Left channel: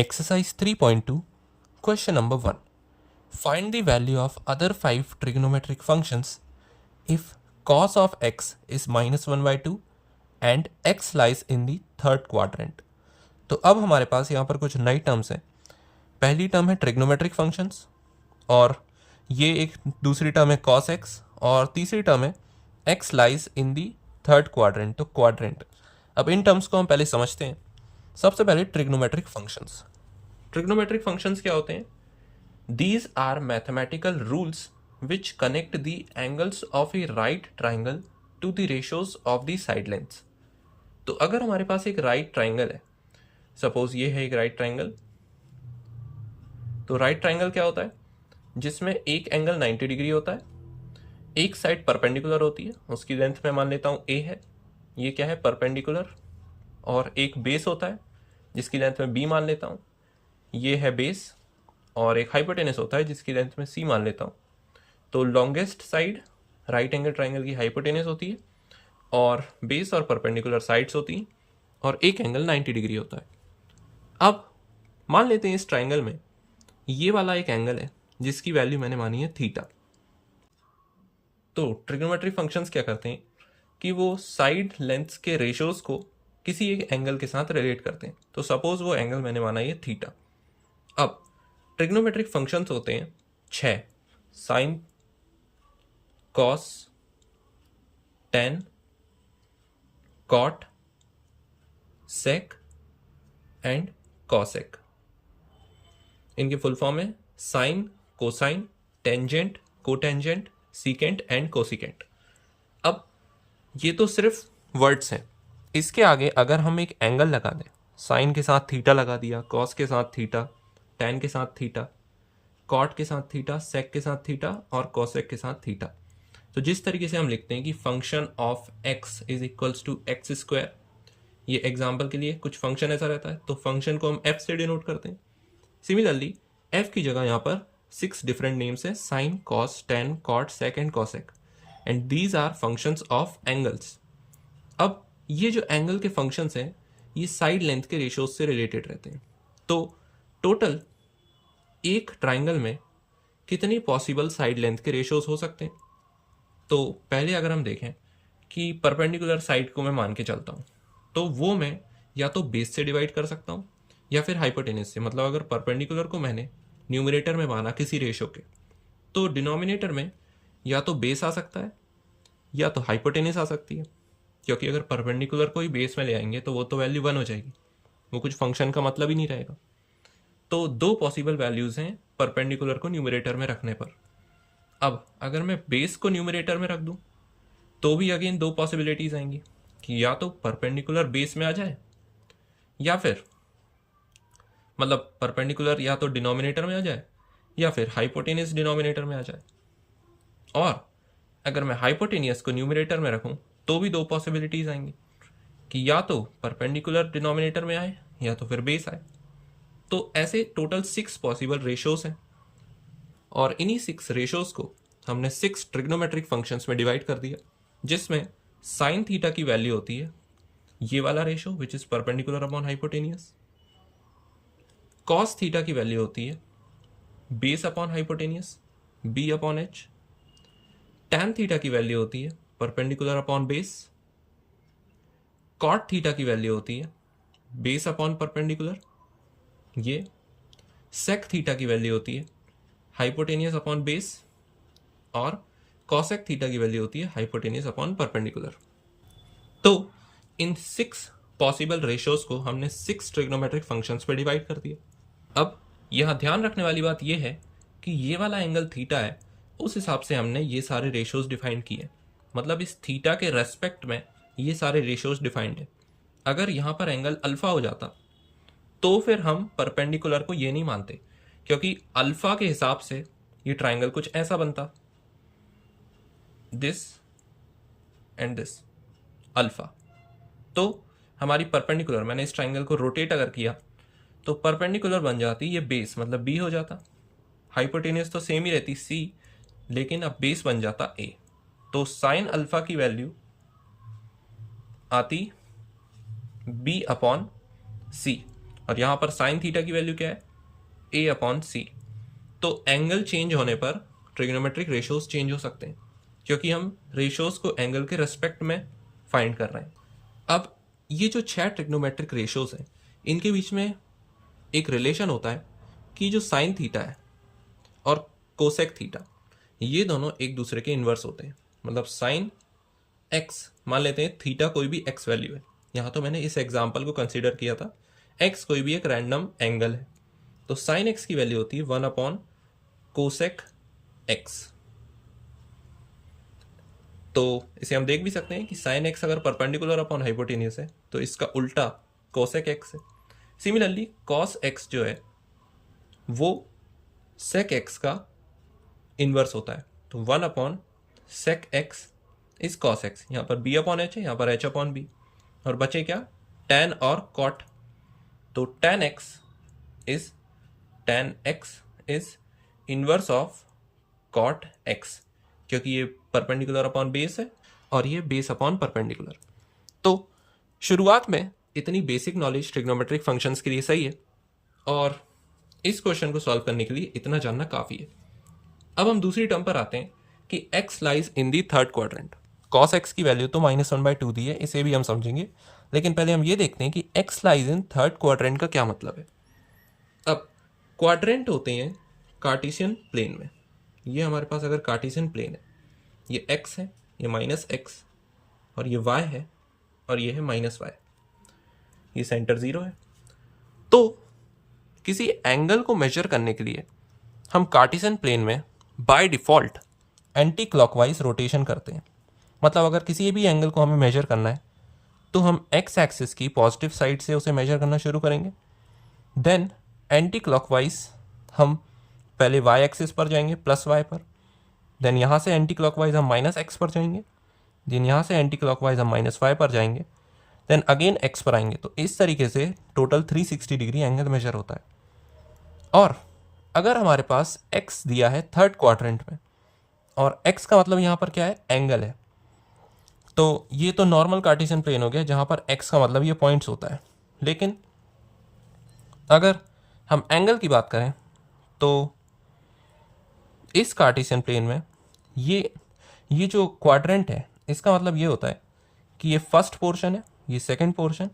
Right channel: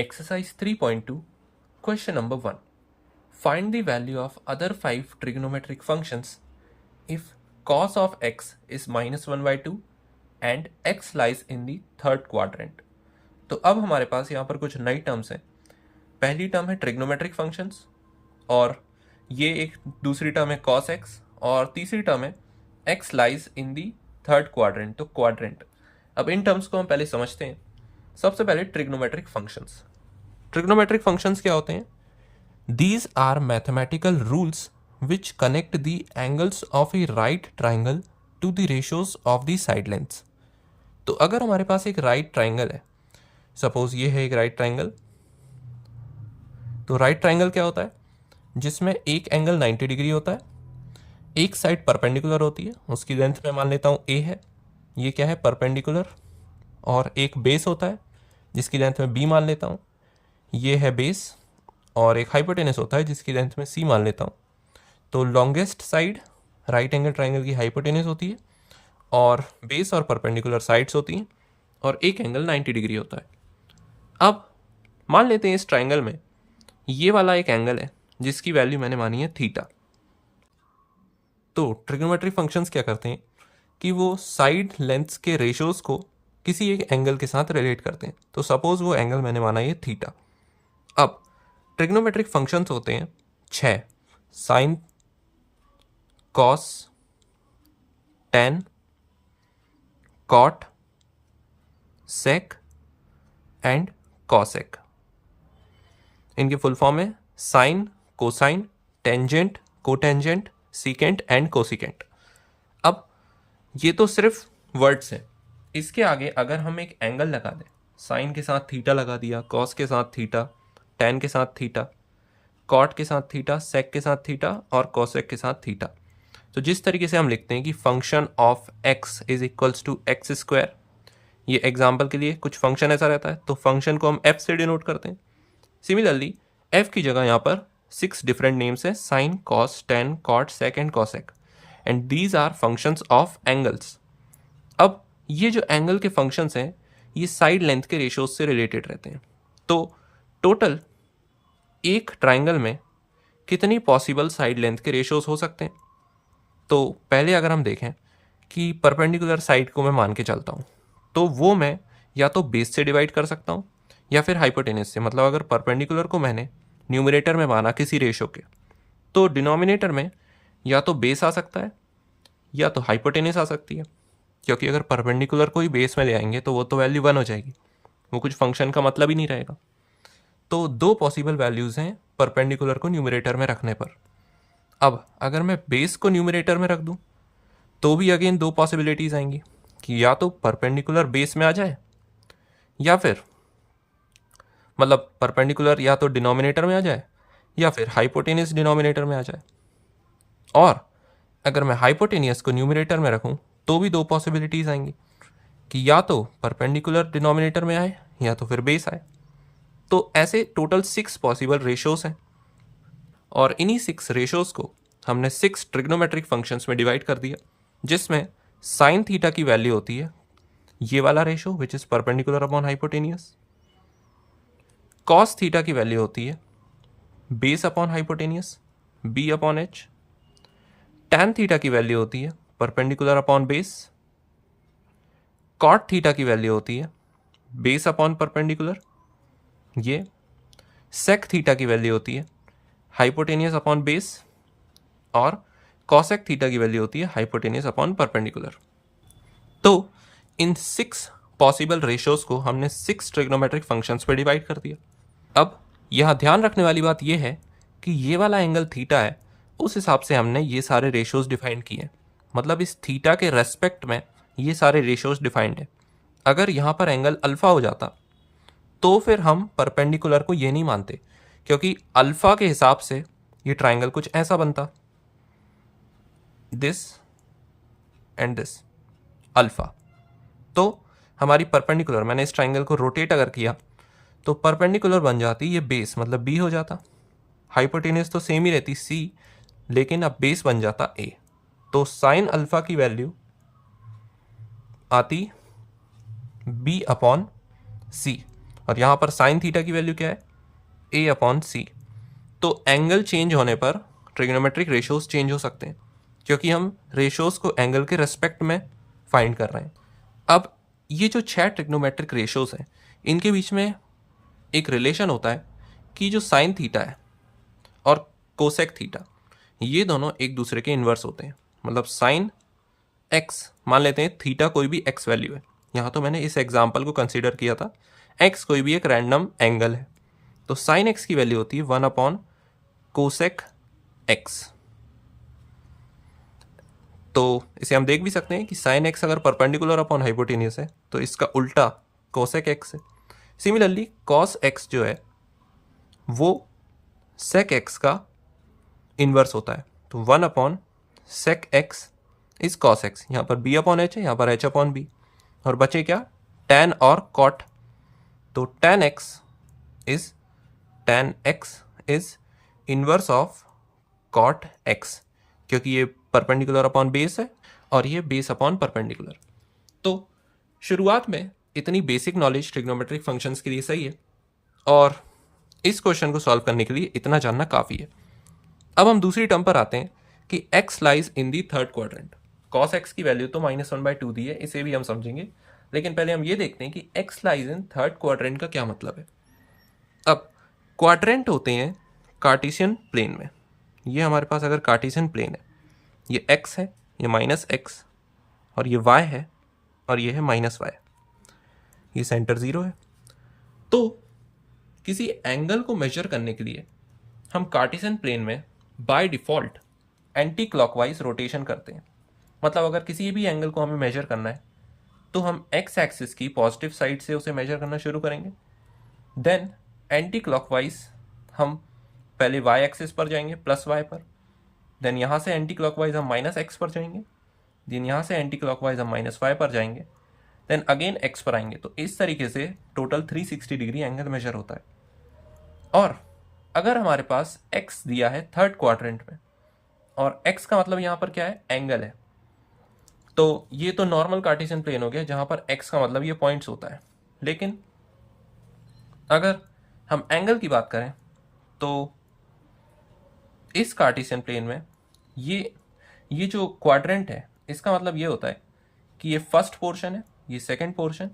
Exercise 3.2, question number 1. Find the value of other 5 trigonometric functions if cos of x is -1/2 and x lies in the third quadrant. तो अब हमारे पास यहाँ पर कुछ नई terms हैं. पहली टर्म है ट्रिग्नोमेट्रिक फंक्शंस और ये एक दूसरी टर्म है cos x और तीसरी टर्म है x lies in the third quadrant. तो क्वाड्रेंट. अब इन टर्म्स को हम पहले समझते हैं. सबसे पहले ट्रिग्नोमेट्रिक फंक्शंस. ट्रिग्नोमेट्रिक फंक्शंस क्या होते हैं? These are mathematical rules which connect the angles of a right triangle to the ratios of the side lengths. तो अगर हमारे पास एक राइट ट्राइंगल है, सपोज ये है एक राइट ट्राइंगल, तो राइट ट्राइंगल क्या होता है? जिसमें एक एंगल 90 डिग्री होता है, एक साइड परपेंडिकुलर होती है, उसकी लेंथ मैं मान लेता हूँ a है, ये क्या है परपेंडिकुलर, और एक बेस होता है जिसकी लेंथ मैं b मान लेता हूँ, ये है बेस, और एक हाइपोटेनस होता है जिसकी लेंथ में c मान लेता हूँ. तो longest side right angle triangle की हाइपोटेनस होती है और बेस और परपेंडिकुलर साइड्स होती हैं और एक एंगल 90 डिग्री होता है. अब मान लेते हैं इस ट्राइंगल में ये वाला एक एंगल है जिसकी वैल्यू मैंने मानी है थीटा. तो ट्रिग्नोमेट्रिक फंक्शंस क्या करते हैं कि वो साइड लेंथ्स के रेशियोज को किसी एक एंगल के साथ रिलेट करते हैं. तो सपोज वो एंगल मैंने माना ये थीटा. अब ट्रिग्नोमेट्रिक फंक्शंस होते हैं 6: sine, cos, tan, cot, sec and cosec. इनके फुल फॉर्म है sine, cosine, tangent, cotangent, secant and cosecant. अब ये तो सिर्फ वर्ड्स हैं. इसके आगे अगर हम एक एंगल लगा दें, साइन के साथ थीटा लगा दिया, कॉस के साथ थीटा, टेन के साथ थीटा, कॉट के साथ थीटा, सेक के साथ थीटा और कॉसेक के साथ थीटा. तो जिस तरीके से हम लिखते हैं कि function of x is equals to x square, ये एग्जाम्पल के लिए कुछ फंक्शन ऐसा रहता है तो फंक्शन को हम एफ से डिनोट करते हैं. सिमिलरली एफ की जगह यहाँ पर 6 डिफरेंट नेम्स हैं: sine, cos, tan, cot, sec and cosec, and these are functions of angles. अब ये जो एंगल के फंक्शंस हैं ये साइड लेंथ के रेशियोज से रिलेटेड रहते हैं. तो टोटल एक ट्राइंगल में कितनी पॉसिबल साइड लेंथ के रेशियोज हो सकते हैं? तो पहले अगर हम देखें कि परपेंडिकुलर साइड को मैं मान के चलता हूँ तो वो मैं या तो बेस से डिवाइड कर सकता हूँ या फिर हाइपोटेनस से. मतलब अगर परपेंडिकुलर को मैंने न्यूमरेटर में माना किसी रेशियो के, तो डिनोमिनेटर में या तो बेस आ सकता है या तो हाइपोटेनस आ सकती है, क्योंकि अगर परपेंडिकुलर को ही बेस में ले आएंगे तो वो तो वैल्यू 1 हो जाएगी, वो कुछ फंक्शन का मतलब ही नहीं रहेगा. तो 2 पॉसिबल वैल्यूज़ हैं परपेंडिकुलर को न्यूमरेटर में रखने पर. अब अगर मैं बेस को न्यूमरेटर में रख दूं तो भी अगेन 2 पॉसिबिलिटीज़ आएंगी कि या तो परपेंडिकुलर बेस में आ जाए या फिर मतलब परपेंडिकुलर या तो डिनोमिनेटर में आ जाए या फिर हाइपोटेनियस डिनोमिनेटर में आ जाए. और अगर मैं हाइपोटेनियस को न्यूमरेटर में रखूं तो भी 2 पॉसिबिलिटीज़ आएंगी कि या तो परपेंडिकुलर डिनोमिनेटर में आए या तो फिर बेस आए. तो ऐसे टोटल 6 पॉसिबल रेशियोज हैं और इन्हीं 6 रेशियोज को हमने 6 ट्रिग्नोमेट्रिक फंक्शंस में डिवाइड कर दिया, जिसमें साइन थीटा की वैल्यू होती है ये वाला ratio which is perpendicular upon hypotenuse, cos theta की वैल्यू होती है base upon hypotenuse B upon H, tan theta की वैल्यू होती है perpendicular upon base, cot theta की वैल्यू होती है बेस अपॉन परपेंडिकुलर, ये सेक थीटा की वैल्यू होती है हाइपोटेनियस अपॉन बेस, और कॉसेक थीटा की वैल्यू होती है हाइपोटेनियस अपॉन परपेंडिकुलर. तो इन 6 पॉसिबल रेशियोज को हमने 6 ट्रिग्नोमेट्रिक फंक्शंस पे डिवाइड कर दिया. अब यहाँ ध्यान रखने वाली बात यह है कि ये वाला एंगल थीटा है, उस हिसाब से हमने ये सारे रेशियोज डिफाइन किए. मतलब इस थीटा के रेस्पेक्ट में ये सारे रेशियोज डिफाइंड है. अगर यहाँ पर एंगल अल्फा हो जाता तो फिर हम परपेंडिकुलर को ये नहीं मानते, क्योंकि अल्फा के हिसाब से ये ट्राइंगल कुछ ऐसा बनता, दिस एंड दिस अल्फा. तो हमारी परपेंडिकुलर, मैंने इस ट्राइंगल को रोटेट अगर किया तो परपेंडिकुलर बन जाती ये बेस, मतलब बी हो जाता. हाइपोटेनस तो सेम ही रहती सी, लेकिन अब बेस बन जाता ए. तो साइन अल्फा की वैल्यू आती बी अपॉन सी, और यहाँ पर साइन थीटा की वैल्यू क्या है, a/c। तो एंगल चेंज होने पर ट्रिग्नोमेट्रिक रेशियोज चेंज हो सकते हैं, क्योंकि हम रेशियोज को एंगल के रेस्पेक्ट में फाइंड कर रहे हैं। अब ये जो 6 ट्रिग्नोमेट्रिक रेशियोज हैं, इनके बीच में एक रिलेशन होता है कि जो साइन थीटा है और कोसेक थीटा, ये दोनों एक दूसरे के इन्वर्स होते हैं। मतलब साइन एक्स, मान लेते हैं थीटा कोई भी एक्स वैल्यू है, यहाँ तो मैंने इस एग्जाम्पल को कंसीडर किया था, एक्स कोई भी एक रैंडम एंगल है, तो साइन एक्स की वैल्यू होती है 1/कोसेक एक्स। तो इसे हम देख भी सकते हैं कि साइन एक्स अगर परपेंडिकुलर अपॉन हाइपोटेन्यूस है तो इसका उल्टा कोसेक एक्स है। सिमिलरली कॉस एक्स जो है वो सेक एक्स का इन्वर्स होता है, तो 1/सेक एक्स इज कॉस एक्स। यहाँ पर b/h है, यहाँ पर h/b, और बचे क्या, tan और cot। तो tan x is inverse of cot x, क्योंकि ये परपेंडिकुलर अपॉन बेस है और ये बेस अपॉन परपेंडिकुलर। तो शुरुआत में इतनी बेसिक नॉलेज ट्रिग्नोमेट्रिक फंक्शंस के लिए सही है, और इस क्वेश्चन को सॉल्व करने के लिए इतना जानना काफ़ी है। अब हम दूसरी टर्म पर आते हैं कि x lies in the third quadrant. cos x की वैल्यू तो -1/2 दी है, इसे भी हम समझेंगे, लेकिन पहले हम ये देखते हैं कि x lies in third quadrant का क्या मतलब है। अब क्वाड्रेंट होते हैं कार्टेशियन प्लेन में। ये हमारे पास अगर कार्टेशियन प्लेन है, ये x है, ये -x, और ये y है, और ये है -y, ये सेंटर 0 है। तो किसी एंगल को मेजर करने के लिए हम कार्टेशियन प्लेन में by default anti clockwise rotation करते हैं। मतलब अगर किसी भी एंगल को हमें मेजर करना है तो हम एक्स एक्सिस की पॉजिटिव साइड से उसे मेजर करना शुरू करेंगे, देन एंटी क्लॉकवाइज हम पहले वाई एक्सिस पर जाएंगे +y पर, देन यहाँ से एंटी क्लॉकवाइज हम -x पर जाएंगे, देन यहाँ से एंटी क्लॉकवाइज हम -y पर जाएंगे, देन अगेन x पर आएंगे। तो इस तरीके से टोटल 360 डिग्री एंगल मेजर होता है। और अगर हमारे पास x दिया है थर्ड क्वाड्रेंट में, और x का मतलब यहाँ पर क्या है, एंगल है, तो ये तो नॉर्मल कार्टेशियन प्लेन हो गया जहाँ पर x का मतलब ये पॉइंट्स होता है। लेकिन अगर हम एंगल की बात करें तो इस कार्टेशियन प्लेन में ये जो क्वाड्रेंट है, इसका मतलब ये होता है कि ये फर्स्ट पोर्शन है, ये सेकंड पोर्शन,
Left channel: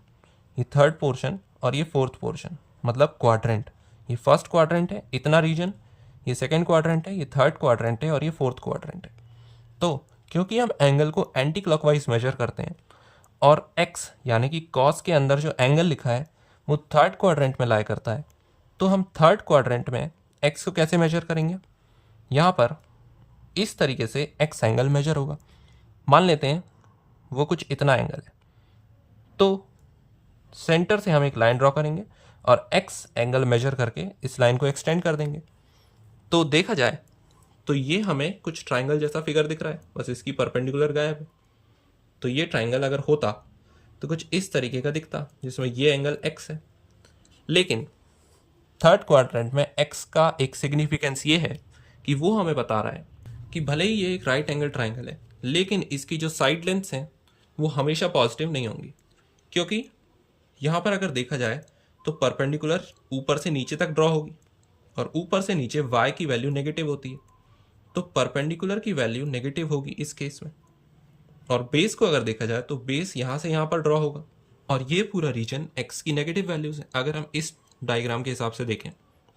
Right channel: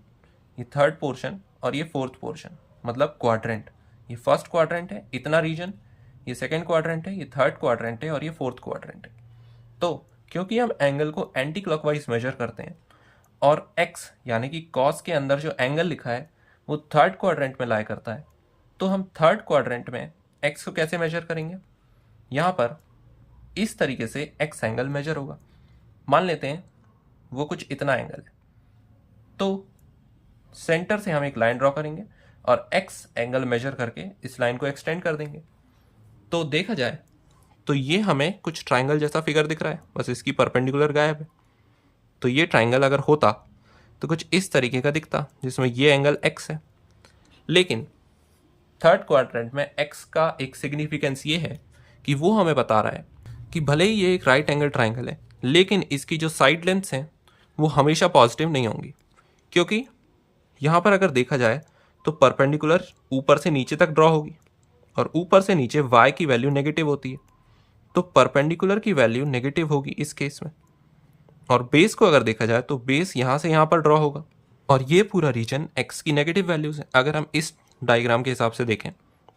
ये थर्ड पोर्शन, और ये फोर्थ पोर्शन, मतलब क्वाड्रेंट। ये फर्स्ट क्वाड्रेंट है, इतना रीजन, ये सेकंड क्वाड्रेंट है, ये थर्ड क्वाड्रेंट है, और ये फोर्थ क्वाड्रेंट है। तो क्योंकि हम एंगल को एंटी क्लॉकवाइज मेजर करते हैं और x यानी कि कॉस के अंदर जो एंगल लिखा है वो थर्ड क्वाड्रेंट में लाई करता है, तो हम थर्ड क्वाड्रेंट में x को कैसे मेजर करेंगे। यहाँ पर इस तरीके से x एंगल मेजर होगा। मान लेते हैं वो कुछ इतना एंगल है, तो सेंटर से हम एक लाइन ड्रॉ करेंगे और x एंगल मेजर करके इस लाइन को एक्सटेंड कर देंगे। तो देखा जाए तो ये हमें कुछ ट्राइंगल जैसा फिगर दिख रहा है, बस इसकी परपेंडिकुलर गायब है। तो ये ट्राइंगल अगर होता तो कुछ इस तरीके का दिखता, जिसमें ये एंगल x है। लेकिन थर्ड क्वाड्रेंट में x का एक सिग्निफिकेंस ये है कि वो हमें बता रहा है कि भले ही ये एक राइट एंगल ट्राइंगल है, लेकिन इसकी जो साइड लेंथ्स हैं वो हमेशा पॉजिटिव नहीं होंगी, क्योंकि यहाँ पर अगर देखा जाए तो परपेंडिकुलर ऊपर से नीचे तक ड्रॉ होगी, और ऊपर से नीचे y की वैल्यू नेगेटिव होती है, तो परपेंडिकुलर की वैल्यू नेगेटिव होगी इस केस में। और बेस को अगर देखा जाए तो बेस यहाँ से यहाँ पर ड्रॉ होगा, और ये पूरा रीजन x की नेगेटिव वैल्यूज है। अगर हम इस डायग्राम के हिसाब से देखें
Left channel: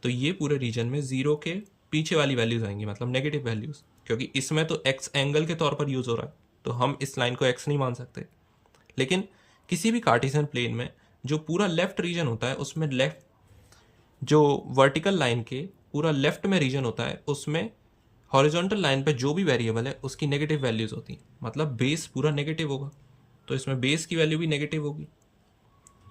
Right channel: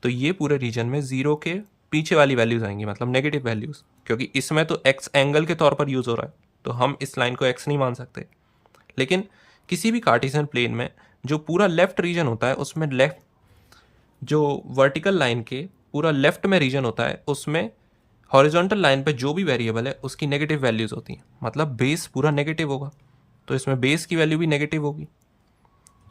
तो ये पूरे रीजन में 0 के पीछे वाली वैल्यूज आएंगी, मतलब नेगेटिव वैल्यूज, क्योंकि इसमें तो x एंगल के तौर पर यूज हो रहा है, तो हम इस लाइन को x नहीं मान सकते। लेकिन किसी भी कार्टेशियन प्लेन में जो पूरा लेफ्ट रीजन होता है, उसमें लेफ्ट जो वर्टिकल लाइन के पूरा लेफ्ट में रीजन होता है, उसमें हॉरिजॉन्टल लाइन पे जो भी वेरिएबल है उसकी नेगेटिव वैल्यूज होती हैं, मतलब बेस पूरा नेगेटिव होगा, तो इसमें बेस की वैल्यू भी नेगेटिव होगी।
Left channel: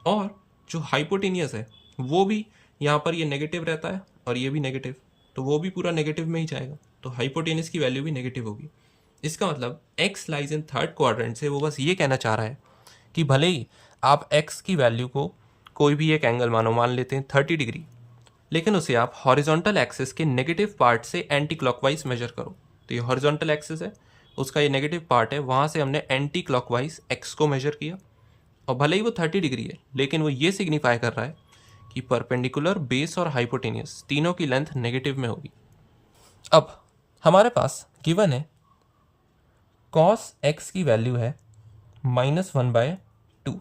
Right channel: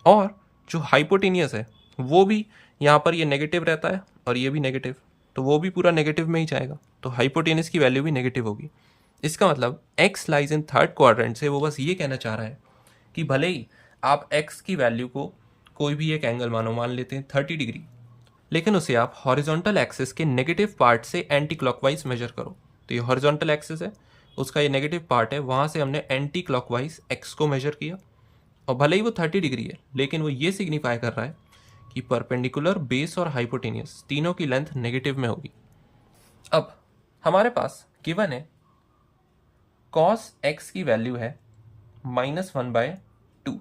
और जो हाइपोटेनियस है वो भी यहाँ पर ये नेगेटिव रहता है और ये भी नेगेटिव, तो वो भी पूरा नेगेटिव में ही जाएगा, तो हाइपोटेनियस की वैल्यू भी नेगेटिव होगी। इसका मतलब x lies in third quadrant से वो बस ये कहना चाह रहा है कि भले ही आप x की वैल्यू को कोई भी एक एंगल मानो, मान लेते हैं 30 डिग्री, लेकिन उसे आप हॉरिजॉन्टल एक्सिस के नेगेटिव पार्ट से एंटी क्लॉकवाइज मेजर करो। तो ये हॉरिजॉन्टल एक्सिस है, उसका ये नेगेटिव पार्ट है, वहाँ से हमने एंटी क्लॉकवाइज x को मेजर किया, और भले ही वो 30 डिग्री है, लेकिन वो ये सिग्निफाई कर रहा है कि परपेंडिकुलर, बेस और हाइपोटेनियस तीनों की लेंथ नेगेटिव में होगी। अब हमारे पास गिवन है कॉस एक्स की वैल्यू है -1/2।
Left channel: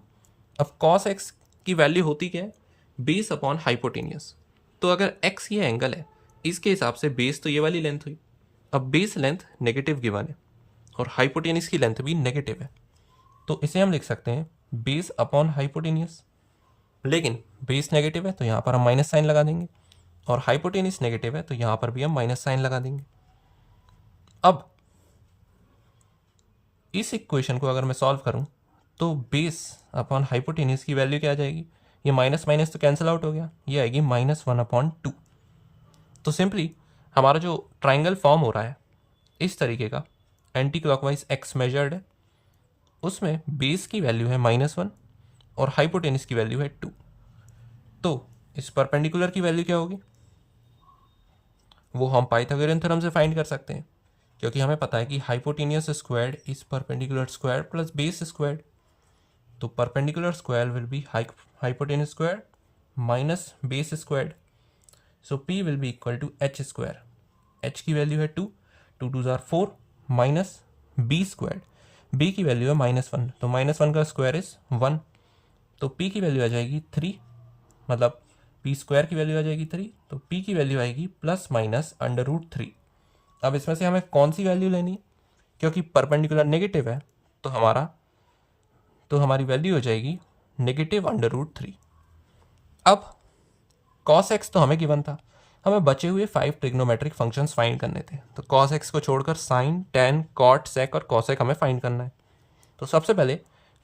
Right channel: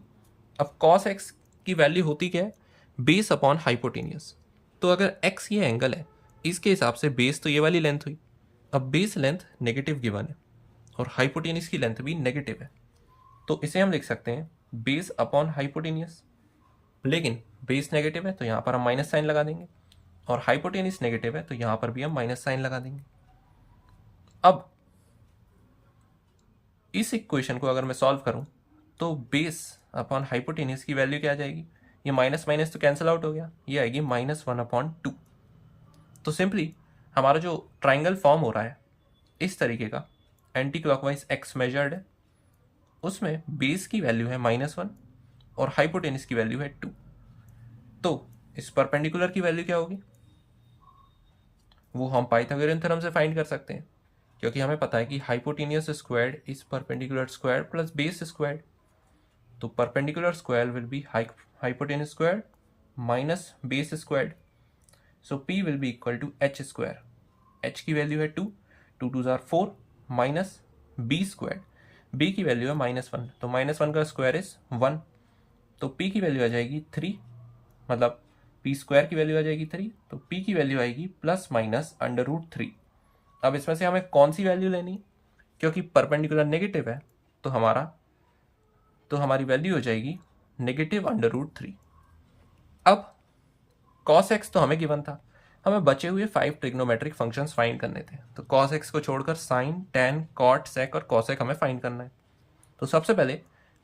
अब कॉस एक्स की वैल्यू होती क्या है? Base upon hypotenuse. तो अगर एक्स ये एंगल है, इसके हिसाब से बेस तो ये वाली लेंथ हुई। अब बेस लेंथ नेगेटिव गिवन है और हाइपोटेनियस की लेंथ भी नेगेटिव है, तो इसे हम लिख सकते हैं बेस अपॉन हाइपोटेनियस। लेकिन बेस नेगेटिव है तो यहाँ पर हम माइनस साइन लगा देंगे, और हाइपोटेनियस नेगेटिव है तो यहाँ पर भी हम माइनस साइन लगा देंगे। अब इस इक्वेशन को अगर मैं सॉल्व करूं तो बेस अपॉन हाइपोटेनियस की वैल्यू क्या आ जाएगी? ये माइनस माइनस तो कैंसिल आउट हो गया, ये आएगी -1/2। तो सिंपली हमारा जो ट्राइंगल फॉर्म हो रहा है इस तरीके का, एंटी क्लॉकवाइज एक्स मेजर्ड है, उसमें बेस की वैल्यू है -1 और हाइपोटेनियस की वैल्यू है 2। तो इस परपेंडिकुलर की वैल्यू क्या होगी? वो हम पाइथागोरियन थ्योरम से फाइंड कर सकते हैं, क्योंकि हमें पता है कि hypotenuse squared is perpendicular square plus base squared. तो perpendicular square will be hypotenuse squared minus base squared. So P will be equal to h square. h की वैल्यू है 2, 2 2 are 4 minus b squared. b की value है -1, तो -1 का square is 1, तो p की value आ जाएगी 3, मतलब p स्क्वायर की वैल्यू आ जाएगी 3, तो p की वैल्यू आएगी +-√3। अब इसमें से हमें कौन सी वैल्यू लेनी है? क्योंकि परपेंडिकुलर नेगेटिव है तो हमारी वैल्यू हो जाएगी -√3। अब cos x तो हमें गिवन था, हमें बचे हुए 5 ट्रिग्नोमेट्रिक फंक्शंस फाइंड करने थे। तो cos x को छोड़कर sin, tan, cot, sec और cosec हमें फाइंड करना है। तो सबसे पहले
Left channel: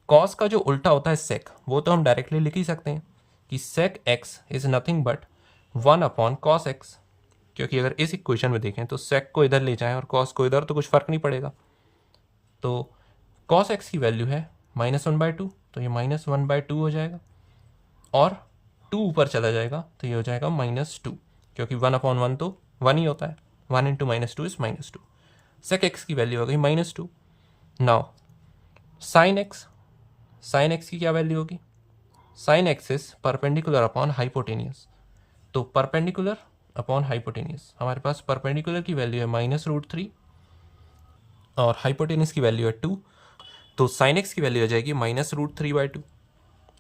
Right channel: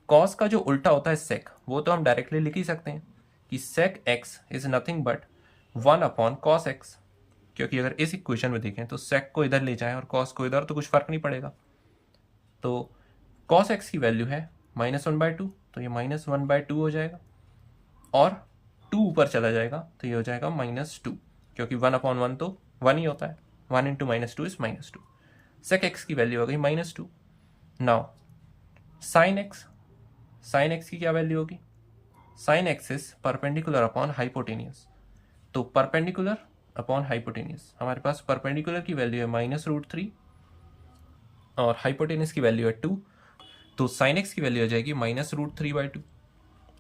cos का जो उल्टा होता है sec, वो तो हम डायरेक्टली लिख ही सकते हैं कि sec x is nothing but 1/cos x। क्योंकि अगर इस इक्वेशन में देखें तो sec को इधर ले जाएं और cos को इधर, तो कुछ फर्क नहीं पड़ेगा। तो cos x की वैल्यू है -1/2, तो ये -1/2 हो जाएगा, और 2 ऊपर चला जाएगा तो ये हो जाएगा -2, क्योंकि 1/1 तो 1 ही होता है। 1 × -2 इज -2। sec x की वैल्यू हो गई -2। नाउ sin x की क्या वैल्यू होगी? sin x is perpendicular upon hypotenuse. तो परपेंडिकुलर अपॉन हाइपोटेनियस, हमारे पास परपेंडिकुलर की वैल्यू है -√3 और हाइपोटेनियस की वैल्यू है 2, तो sin x की वैल्यू आ जाएगी -√3/2।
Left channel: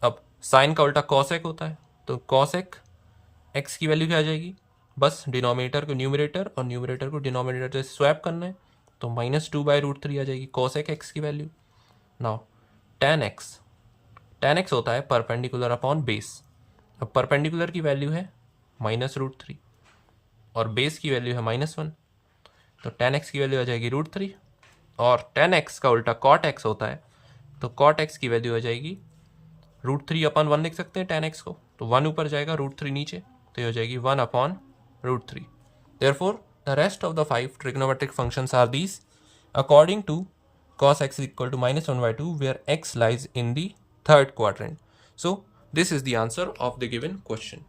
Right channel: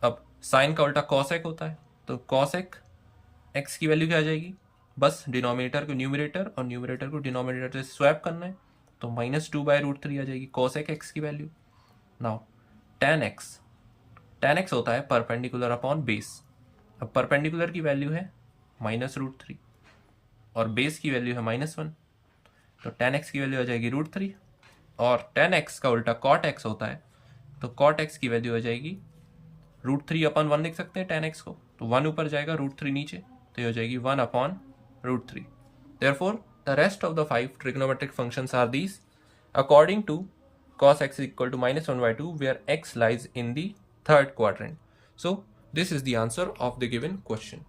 अब साइन का उल्टा cosec होता है, तो cosec x की वैल्यू क्या आ जाएगी? बस डिनोमिनेटर को न्यूमरेटर और न्यूमरेटर को डिनोमिनेटर से स्वैप करना है, तो -2/√3 आ जाएगी cosec x की वैल्यू। नाउ tan x होता है परपेंडिकुलर अपॉन बेस। अब परपेंडिकुलर की वैल्यू है -√3 और बेस की वैल्यू है -1, तो tan x की वैल्यू आ जाएगी √3, और tan x का उल्टा cot x होता है, तो cot x की वैल्यू आ जाएगी √3/1 लिख सकते हैं tan x को, तो 1 ऊपर जाएगा, √3 नीचे, तो ये हो जाएगी 1/√3। Therefore, the rest of the 5 trigonometric functions are these according to cos x is equal to -1/2, where x lies in the third quadrant. So, this is the answer of the given question.